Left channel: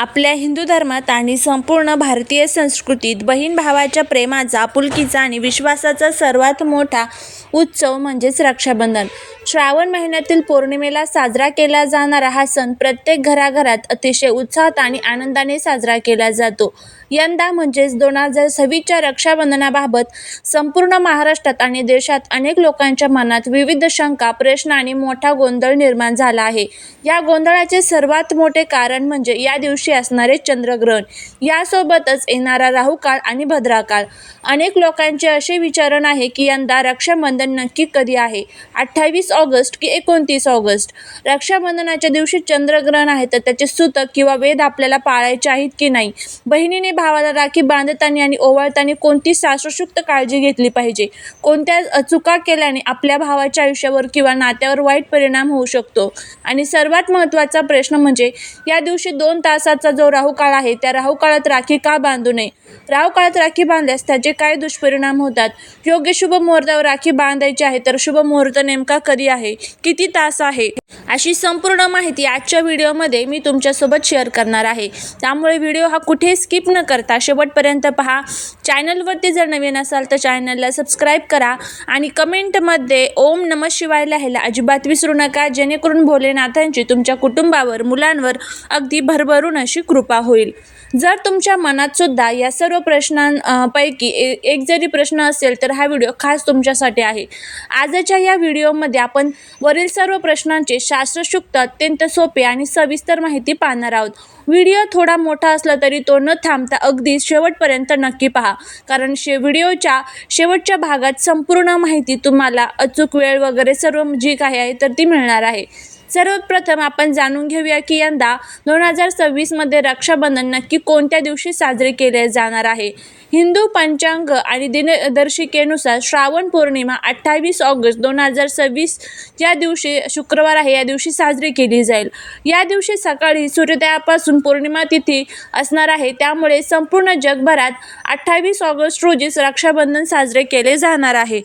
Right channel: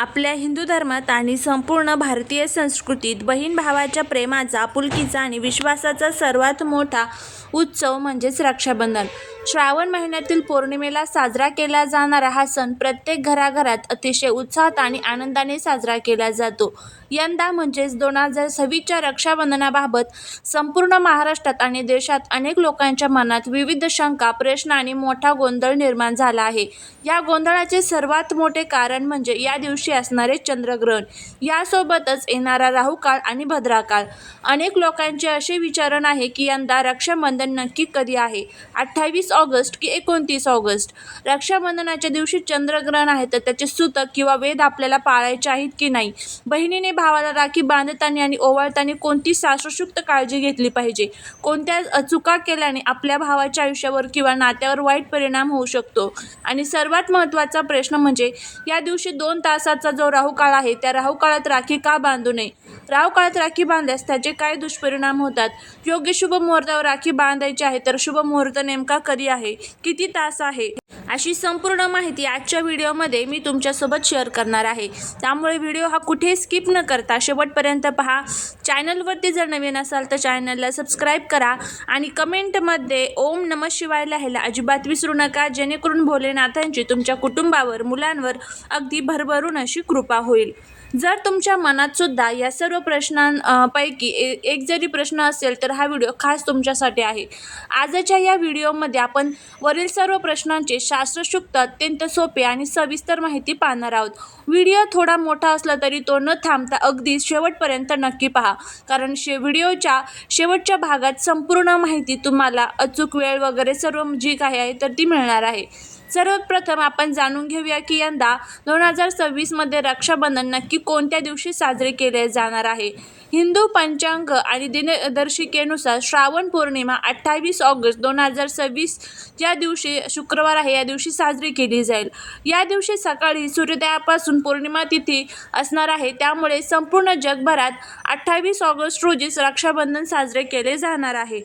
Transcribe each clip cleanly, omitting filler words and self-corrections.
आपल्या हिंदू धर्मात आणि संपूर्ण भारतीय संस्कृतीत बहीण भावाच्या प्रेमाचा, आपुलकीचा आणि विश्वासाचा सर्वात मोठा उत्सव म्हणजेच रक्षाबंधन. श्रावण महिन्यातील पौर्णिमेला साजरा केला जाणारा हा सण प्रत्येक घराघरात अतिशय उत्साहात आणि आनंदाने साजरा केला जातो. यंदा म्हणजेच 2026च्या रक्षाबंधनाबाबत संपूर्ण महाराष्ट्रात आणि देशात अनेक लोकांच्या मनात विविध शंका, प्रश्न आणि मोठा गोंधळ निर्माण झाला आहे. या गोंधळाचे सर्वात मोठे कारण म्हणजे या दिवशी असणारे चंद्रग्रहण, यासोबतच येणारा राहुकाळ आणि भद्राकाळ. अनेक लोकांचे असे विचारण आहे की यंदा रक्षाबंधन नक्की कधी आहे, 28 ऑगस्ट की 29 ऑगस्ट? रक्षाबंधनाच्या दिवशी चंद्रग्रहण आहे तर त्याचे सूतक किंवा वेध आपल्याला पाळायचे आहेत की नाही? बहिणीने भावाला राखी बांधताना आणि ओवाळताना कोणती शास्त्रशुद्ध काळजी घेतली पाहिजे? कोणत्या चुका केल्याने आपल्या भावाच्या आयुष्यावर किंवा नात्यावर वाईट परिणाम होऊ शकतो? आणि सर्वात महत्त्वाचा प्रश्न म्हणजे या दिवशी 2 तासाचा जो राहुकाळ आहे, त्या राहुकाळात राखी का बांधू नये? राहुकाळात राखी बांधल्यास त्याचे काय दुष्परिणाम होतात? योग्य शुभ मुहूर्तावर राखी बांधायची आहे तर शुभ मुहूर्त नेमका कधी आहे, किती तास आहे, अशी संपूर्ण माहिती आजच्या व्हिडिओमध्ये मी तुमच्यासोबत शेअर करणार आहे. त्यामुळे व्हिडिओ हा कुठे स्किप न करता शेवटपर्यंत पहा. चॅनलवरती जर नवीन असाल तर चॅनलला सबस्क्राईब करा आणि कमेंटमध्ये ओम नमः शिवाय लिहायला अजिबात विसरू नका, जेणेकरून भोलेनाथांची तुमच्या कुटुंबावर, मुलांवर अगदी भरभरून अशी कृपा होईल. जर तुमच्या मनात सुद्धा या सर्व प्रश्नांपैकी एक जरी प्रश्न असेल तर हा व्हिडिओ खास तुमच्यासाठी आहे. आजच्या या व्हिडिओमध्ये आपण वरील सर्व प्रश्नांचे शास्त्रशुद्ध, अत्यंत सोपे आणि सविस्तर माहिती पाहणार आहोत. व्हिडिओ थोडा मोठा असला तरी तो न थांबता अगदी शेवटपर्यंत नक्की पहा, कारण व्हिडिओच्या शेवटच्या भागात संपूर्ण माहिती तुम्हाला अचूक वेळ वगैरे सर्व जी काही आहे तर ती मिळणार आहे. सर्वप्रथम आपण जाणून घेऊया की यंदा 2026मध्ये रक्षाबंधन नक्की कोणत्या दिवशी साजरे केले जाणार आहे. हिंदू पंचांग आणि दिनदर्शिकेनुसार श्रावण पौर्णिमा 28 ऑगस्ट 2026 या दिवशी शुक्रवार आहे, या दिवशी साजरी केली जाईल. या दिवशी सकाळी सूर्योदयापासून पौर्णिमा तिथी असणार आहे, त्यामुळे संपूर्ण जगभरात 28 ऑगस्ट रोजीच रक्षाबंधन साजरे केले जाणार आहे.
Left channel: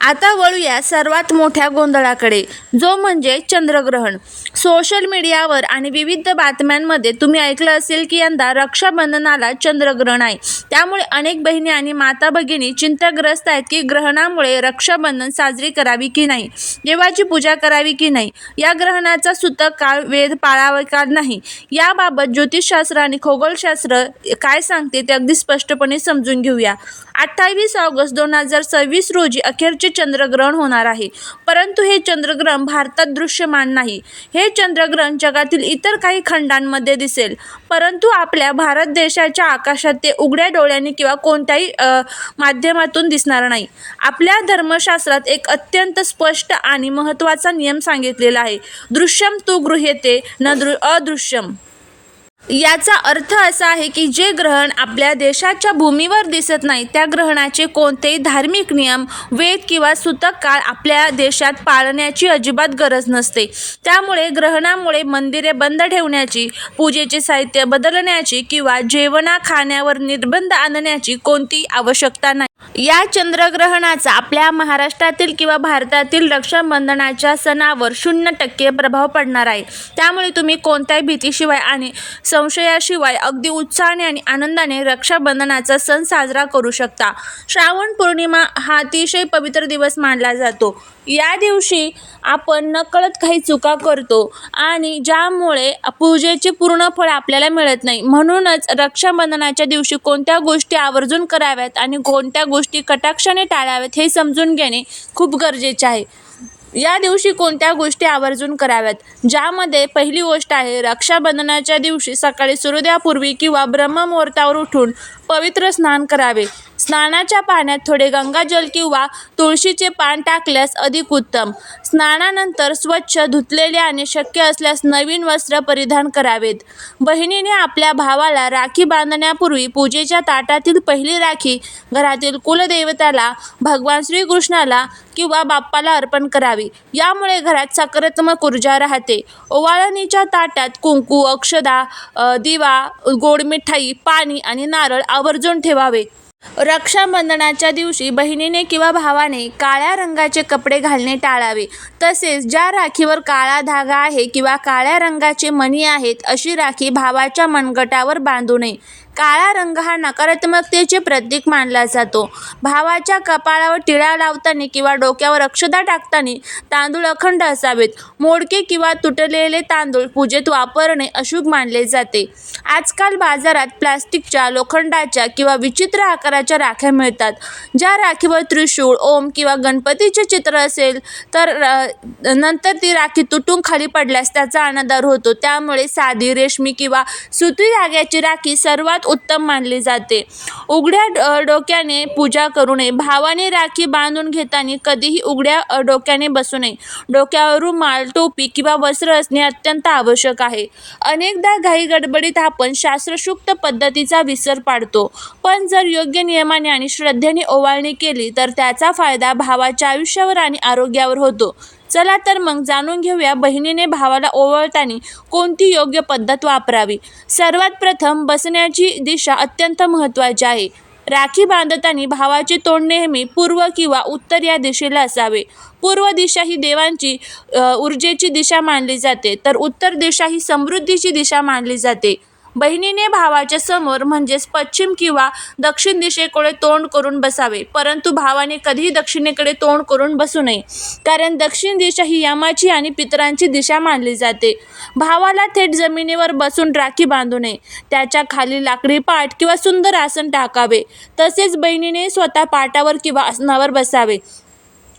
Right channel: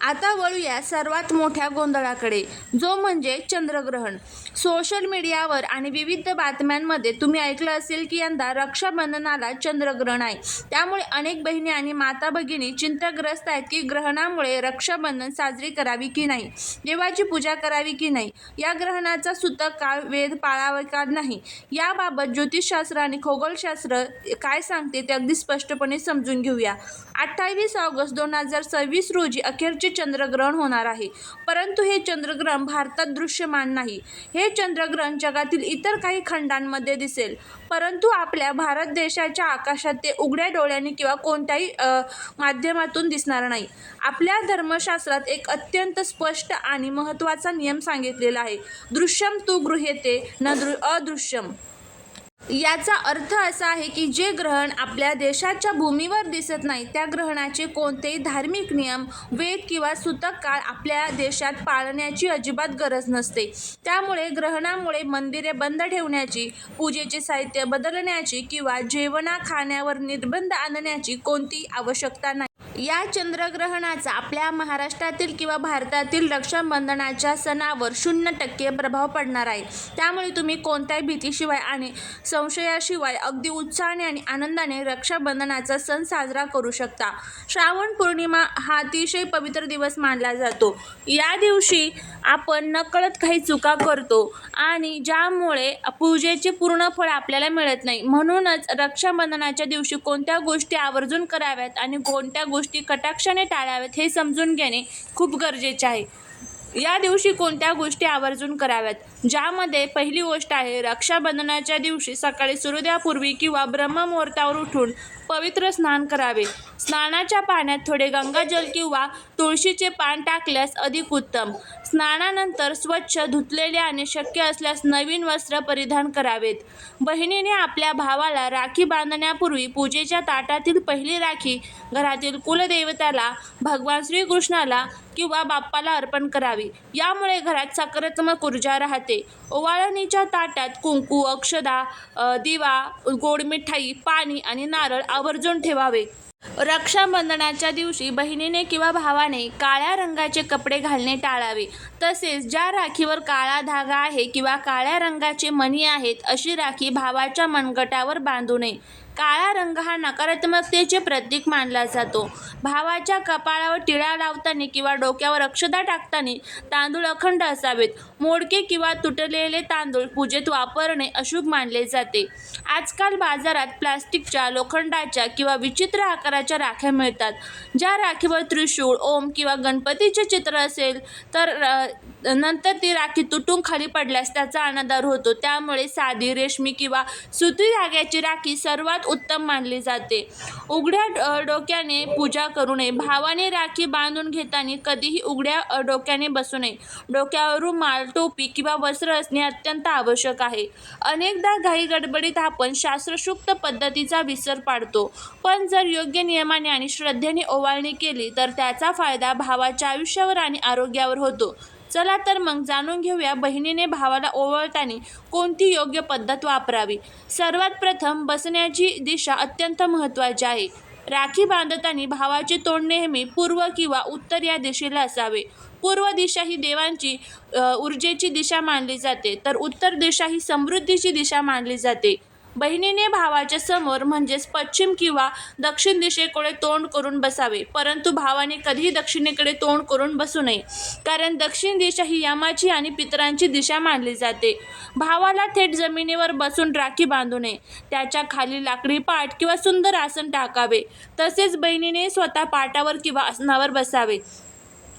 आता वळूया सर्वात मोठ्या गोंधळाकडे, जो म्हणजे चंद्रग्रहण. सोशल मीडियावर आणि विविध बातम्यांमध्ये तुम्ही ऐकलं असेल की यंदा रक्षाबंधनाला चंद्रग्रहण आहे. त्यामुळे अनेक बहिणी आणि माता भगिनी चिंताग्रस्त आहेत की ग्रहणामुळे रक्षाबंधन साजरी करावी की नाही, देवाची पूजा करावी की नाही, या ग्रहणाचा सूतक काळ, वेध पाळावा का नाही, याबाबत ज्योतिषशास्त्र आणि खगोलशास्त्र काय सांगते ते अगदी स्पष्टपणे समजून घेऊया. 28 ऑगस्ट 2026 रोजी अखेरचे चंद्रग्रहण होणार आहे, परंतु हे चंद्रग्रहण भारतात दृश्यमान नाही. हे चंद्रग्रहण जगातील इतर काही खंडांमध्ये दिसेल, परंतु आपल्या भारत देशाच्या आकाशात ते उघड्या डोळ्यांनी किंवा कोणत्याही माध्यमातून दिसणार नाही. आपल्या धर्मशास्त्रात एक अत्यंत स्पष्ट आणि महत्त्वाचा नियम सांगितलेला आहे, दृश्यम तु गृह्यते न अदृश्यम. याचा अर्थ असा आहे की जे ग्रहण आपल्या देशाच्या भूमीवर दिसत नाही त्या ग्रहणाचे कोणतेही धार्मिक नियम, वेद किंवा सूतक काळ आपल्या देशात पाळण्याची अजिबात गरज नसते. त्यामुळे ग्रहणामुळे मंदिरे बंद ठेवण्याची, पूजेचे साहित्य बदलण्याची किंवा खाण्यावर निर्बंध आणण्याची कोणतीही आवश्यकता नाही. या चंद्रग्रहणाचा आपल्या महाराष्ट्रातील किंवा भारतातील रक्षाबंधनाच्या सणावर 0% प्रभाव पडणार आहे. त्यामुळे तुम्ही कोणत्याही भीतीशिवाय आणि संशयाशिवाय अगदी उत्साहाने आणि आनंदाने रक्षाबंधनाचा सण साजरा करू शकता. श्रावण पौर्णिमा हा अतिशय पवित्र दिवस मानला जातो. या दिवशी आपण नकळत काही चुका करतो आणि ज्यामुळे पूजेचे पूर्ण फळ आपल्याला मिळत नाही. म्हणूनच रक्षाबंधनाच्या दिवशी कोणत्या गोष्टी आवर्जून कराव्यात आणि कोणत्या गोष्टी कटाक्षाने टाळाव्यात हे समजून घेणे खूप गरजेचे आहे. या दिवशी कोणत्या गोष्टी आवर्जून कराव्यात, ज्यामध्ये पहिली गोष्ट आहे रक्षाबंधनाच्या दिवशी सकाळी सूर्योदयापूर्वी किंवा ब्रह्ममुहूर्तावर उठून पवित्र स्नान करावे. स्नानाच्या पाण्यात थोडे गंगाजल किंवा तुळशीचे पान टाकल्यास अधिक उत्तम. स्नानानंतर स्वच्छ धुतलेले आणि शक्य असल्यास नवीन वस्त्र परिधान करावेत. बहिणीने आपल्या भावाला राखी बांधण्यापूर्वी पूजेच्या ताटातील पहिली राखी घरातील कुलदैवताला, भगवान श्रीकृष्णाला किंवा बाप्पाला अर्पण करावी. यामुळे घरात सकारात्मक ऊर्जा राहते. ओवाळणीच्या ताटात कुंकू, अक्षदा, दिवा, गोड मिठाई, पाणी आणि नारळ आवर्जून ठेवावे. रक्षाबंधनाच्या दिवशी बहिणीने किंवा भावाने काळ्या रंगाचे कपडे घालणे टाळावे. तसेच ज्या राखीवर काळा धागा आहे किंवा काळ्या रंगाचे मणी आहेत अशी राखी भावाच्या मनगटावर बांधू नये. काळा रंग हा नकारात्मकतेचे प्रतीक मानला जातो. भावाच्या कपाळावर टिळा लावताना किंवा डोक्यावर अक्षता टाकताना तांदूळ अखंड असावेत. मोडके किंवा तुटलेले तांदूळ पूजेत वापरणे अशुभ मानले जाते. आजकाल बाजारात प्लास्टिकच्या, लोखंडाच्या किंवा विचित्र आकाराच्या राख्या मिळतात. ज्या राखीवर त्रिशूळ, ओम किंवा गणपतीचे चित्र असेल तर नंतर ती राखी तुटून खाली पडल्यास त्याचा अनादर होतो. त्यामुळे साधी, रेशमी किंवा सुती धाग्याची राखी सर्वात उत्तम मानली जाते. उघड्या डोक्याने पूजा करू नये. भावाने राखी बांधून घेताना कधीही उघड्या डोक्याने बसू नये. डोक्यावर रुमाल, टोपी किंवा वस्त्र असणे अत्यंत आवश्यक आहे. अनेकदा घाई गडबडीत आपण शास्त्रशुक्त पद्धतीचा विसर पाडतो, पण जर योग्य नियमाने आणि श्रद्धेने ओवाळणी केली तर त्याचा फायदा भावाच्या आयुष्यावर आणि आरोग्यावर होतो. चला तर मग जाणून घेऊया बहिणीने भावाला ओवाळताना कोणती योग्य पद्धत वापरावी. सर्वात प्रथम बसण्याची दिशा अत्यंत महत्त्वाची आहे. राखी बांधताना भावाचे तोंड नेहमी पूर्व किंवा उत्तर या दिशेला असावे. पूर्व दिशा ही देवांची ऊर्जेची दिशा मानली जाते, तर उत्तर दिशा ही समृद्धीची दिशा मानली जाते. बहिणीने भावाच्या समोर म्हणजेच पश्चिम किंवा दक्षिण दिशेकडे तोंड करून बसावे, परंतु भावाने कधीही दक्षिणेकडे तोंड करून बसू नये, कारण दक्षिण दिशा ही यमाची आणि पितरांची दिशा मानली जाते. भावाला थेट जमिनीवर बसून राखी बांधू नये. त्याच्या खाली लाकडी पाट किंवा सुंदर आसन टाकावे. तसेच बहिणीने स्वतः पाटावर किंवा आसनावर बसावे.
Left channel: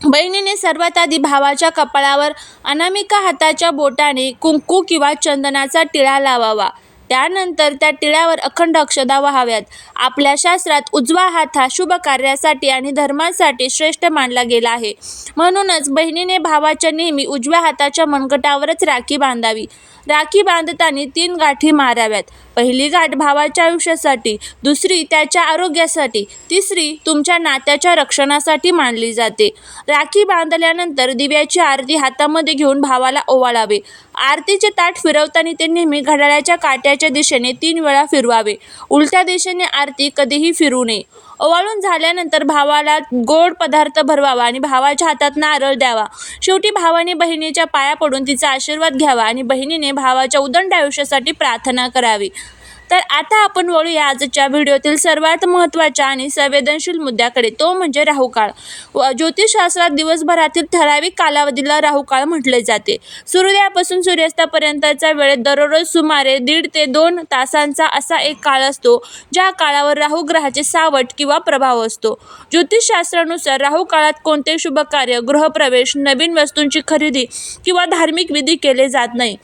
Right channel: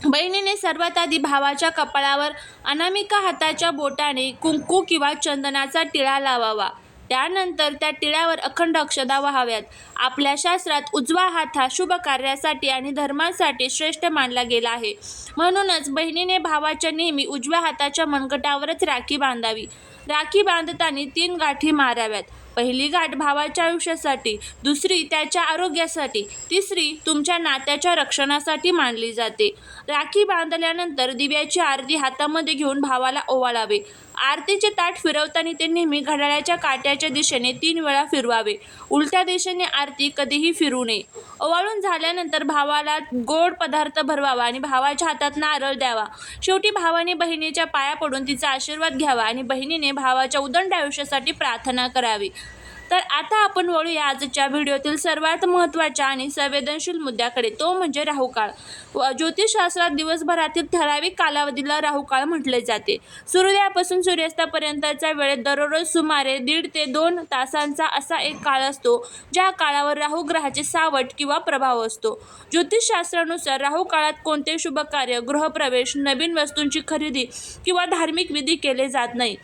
बहिणीने सर्वात आधी भावाच्या कपाळावर अनामिका हाताच्या बोटाने कुंकू किंवा चंदनाचा टिळा लावावा. त्यानंतर त्या टिळ्यावर अखंड अक्षता वाहाव्यात. आपल्या शास्त्रात उजवा हात हा शुभ कार्यासाठी आणि धर्मासाठी श्रेष्ठ मानला गेला आहे. म्हणूनच बहिणीने भावाच्या नेहमी उजव्या हाताच्या मनगटावरच राखी बांधावी. राखी बांधताना 3 गाठी माराव्यात. पहिली गाठ भावाच्या आयुष्यासाठी, दुसरी त्याच्या आरोग्यासाठी, तिसरी तुमच्या नात्याच्या रक्षणासाठी मानली जाते. राखी बांधल्यानंतर दिव्याची आरती हातामध्ये घेऊन भावाला ओवाळावे. आरतीचे ताट फिरवताना ते नेहमी घड्याळाच्या काट्याच्या दिशेने 3 वेळा फिरवावे. उलट्या दिशेने आरती कधीही फिरू नये. ओवाळून झाल्यानंतर भावाला गोड पदार्थ भरवावा आणि भावाच्या हातात नारळ द्यावा. शेवटी भावाने बहिणीच्या पाया पडून तिचा आशीर्वाद घ्यावा आणि बहिणीने भावाच्या उदंड आयुष्यासाठी प्रार्थना करावी. तर आता आपण वळूया आजच्या व्हिडिओतील सर्वात महत्त्वाच्या आणि संवेदनशील मुद्द्याकडे, तो म्हणजे राहुकाळ. ज्योतिषशास्त्रात दिवसभरातील ठराविक कालावधीला राहुकाळ म्हटले जाते. सूर्योदयापासून सूर्यास्तापर्यंतच्या वेळेत दररोज सुमारे 1.5 ते 2 तासांचा असा एक काळ असतो, ज्या काळावर राहू ग्रहाचे सावट किंवा प्रभाव असतो. ज्योतिषशास्त्रानुसार राहू काळात कोणते शुभ कार्य, गृहप्रवेश, नवीन वस्तूंची खरेदी किंवा धार्मिक विधी केले जात नाही.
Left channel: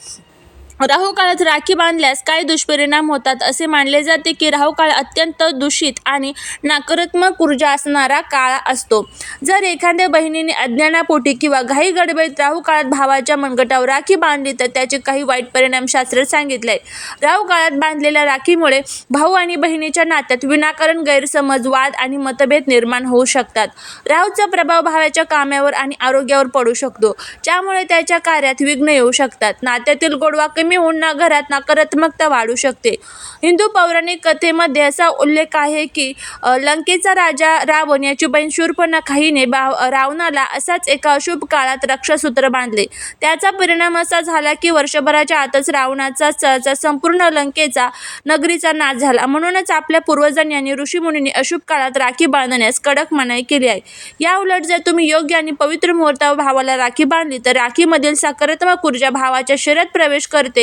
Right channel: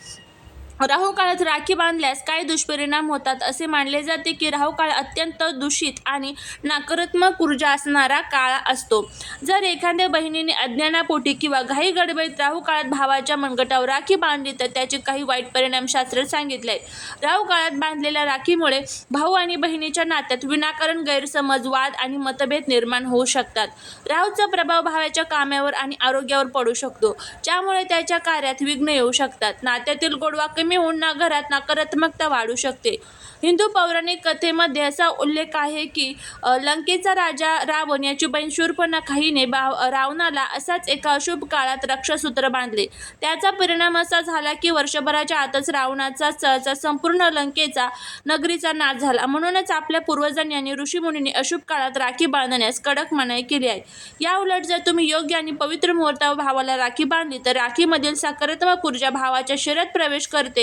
राहू काळात राखी बांधल्यास काय दुष्परिणाम होतात असे मानले जाते की राहू काळ अत्यंत दूषित आणि नकारात्मक ऊर्जा असणारा काळ असतो. जर एखाद्या बहिणीने अज्ञानापोटी किंवा घाई गडबडीत राहू काळात भावाच्या मनगटावर राखी बांधली तर त्याचे काही वाईट परिणाम शास्त्रात सांगितले आहेत. राहू काळात बांधलेल्या राखीमुळे भाऊ आणि बहिणीच्या नात्यात विनाकारण गैरसमज, वाद आणि मतभेद निर्माण होऊ शकतात. राहूचा प्रभाव भावाच्या कामावर आणि आरोग्यावर पडू शकतो, ज्यामुळे त्याच्या कार्यात विघ्न येऊ शकतात. नात्यातील गोडवा कमी होऊन घरात नकारात्मकता वाढू शकते. हिंदू पौराणिक कथेमध्ये असा उल्लेख आहे की लंकेचा राजा रावण याची बहीण शूर्पणखा हिने रावणाला असाच एका अशुभ काळात रक्षासूत्र बांधले. त्याचा परिणाम असा झाला की वर्षभराच्या आतच रावणाचा संपूर्ण लंकेचा नगरीचा नाश झाला. म्हणूनच आपल्या पूर्वजांनी आणि ऋषीमुनींनी अशुभ काळात राखी बांधण्यास कडक मनाई केली आहे. या उलट जर तुम्ही योग्य आणि पवित्र मुहूर्तावर भावाला राखी बांधली तर राखीमधील सकारात्मक ऊर्जा भावाच्या शरीरात प्रवेश करते,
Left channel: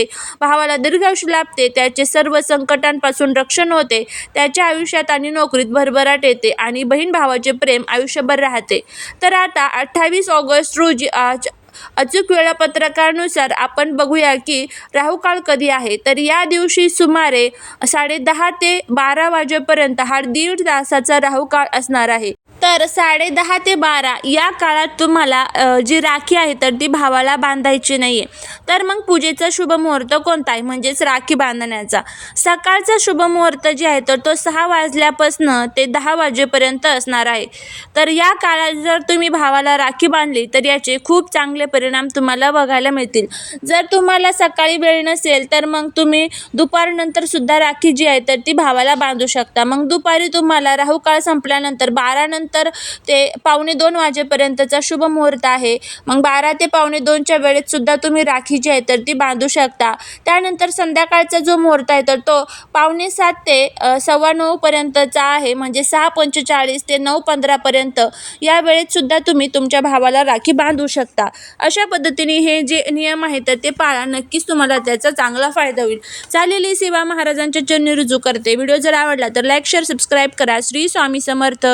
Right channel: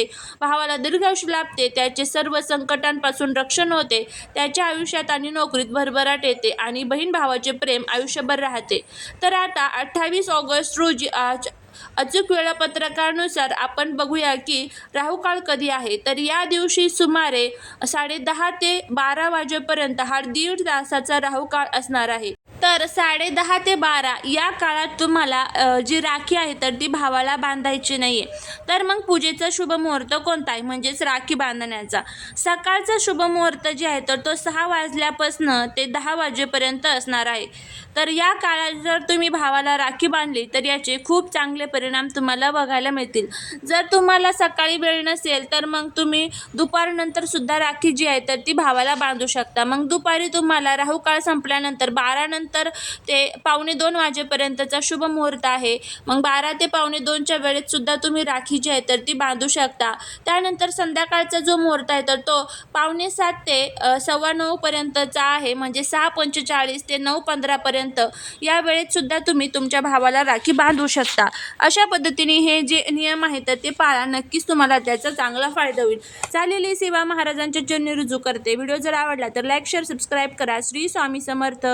भावाला दीर्घायुष्य लाभते, त्याचे सर्व संकटांपासून रक्षण होते, त्याच्या आयुष्यात आणि नोकरीत भरभराट येते आणि बहीण भावाचे प्रेम आयुष्यभर राहते. तर आता 28 ऑगस्ट रोजी अचूक वेळापत्रकानुसार आपण बघूया की राहू काळ कधी आहे. तर या दिवशी सुमारे 10:30 ते 12 वाजेपर्यंत हा 1.5 तासाचा राहू काळ असणार आहे. तर 10:30 ते 12 या काळात तुम्हाला जी राखी आहे तर ती भावाला बांधायची नाही आहे. तर मग पूजेचा शुभ मुहूर्त कोणता आहे म्हणजेच राखी बांधण्याचा. सकाळचा शुभ मुहूर्त जे आहे तर तो 6 वाजल्यापासून ते 10 वाजेपर्यंत असणार आहे. तर या काळात जर तुम्ही भावाला राखी बांधली तर याचे खूप चांगले परिणाम तुम्हाला बघायला मिळतील. जर तुम्हाला सकाळी वेळ नसेल तर मग तुम्ही दुपारनंतर सुद्धा राखी जी आहे तर ती भावाला बांधू शकता. मग दुपारी तुम्हाला राहुकाळ संपल्यानंतर 12 नंतर ते 1:45 वाजेपर्यंतचा शुभ मुहूर्त आहे. मग 12 ते 1:45च्या वेळेत सुद्धा तुम्ही राखी जी आहे तर ती बांधू शकता. त्यानंतर संध्याकाळचा जो मुहूर्त आहे तर तो 7:45 ते 9:15 पर्यंतचा आहे. म्हणजे 6:45 ते 9:15 पर्यंत या वेळेत सुद्धा तुम्ही तुमच्या भावाला राखी बांधू शकता. अशा पद्धतीने हे जे नियम आहेत तर ते पाळा, नक्कीच तुम्हाला त्याचा चांगला फायदा होईल. चालेली सेवा महाराजांच्या चरणी रुजू करते. व्हिडिओ जर आवडला तर लाईक, शेअर, सबस्क्राईब करा. श्री स्वामी समर्थ.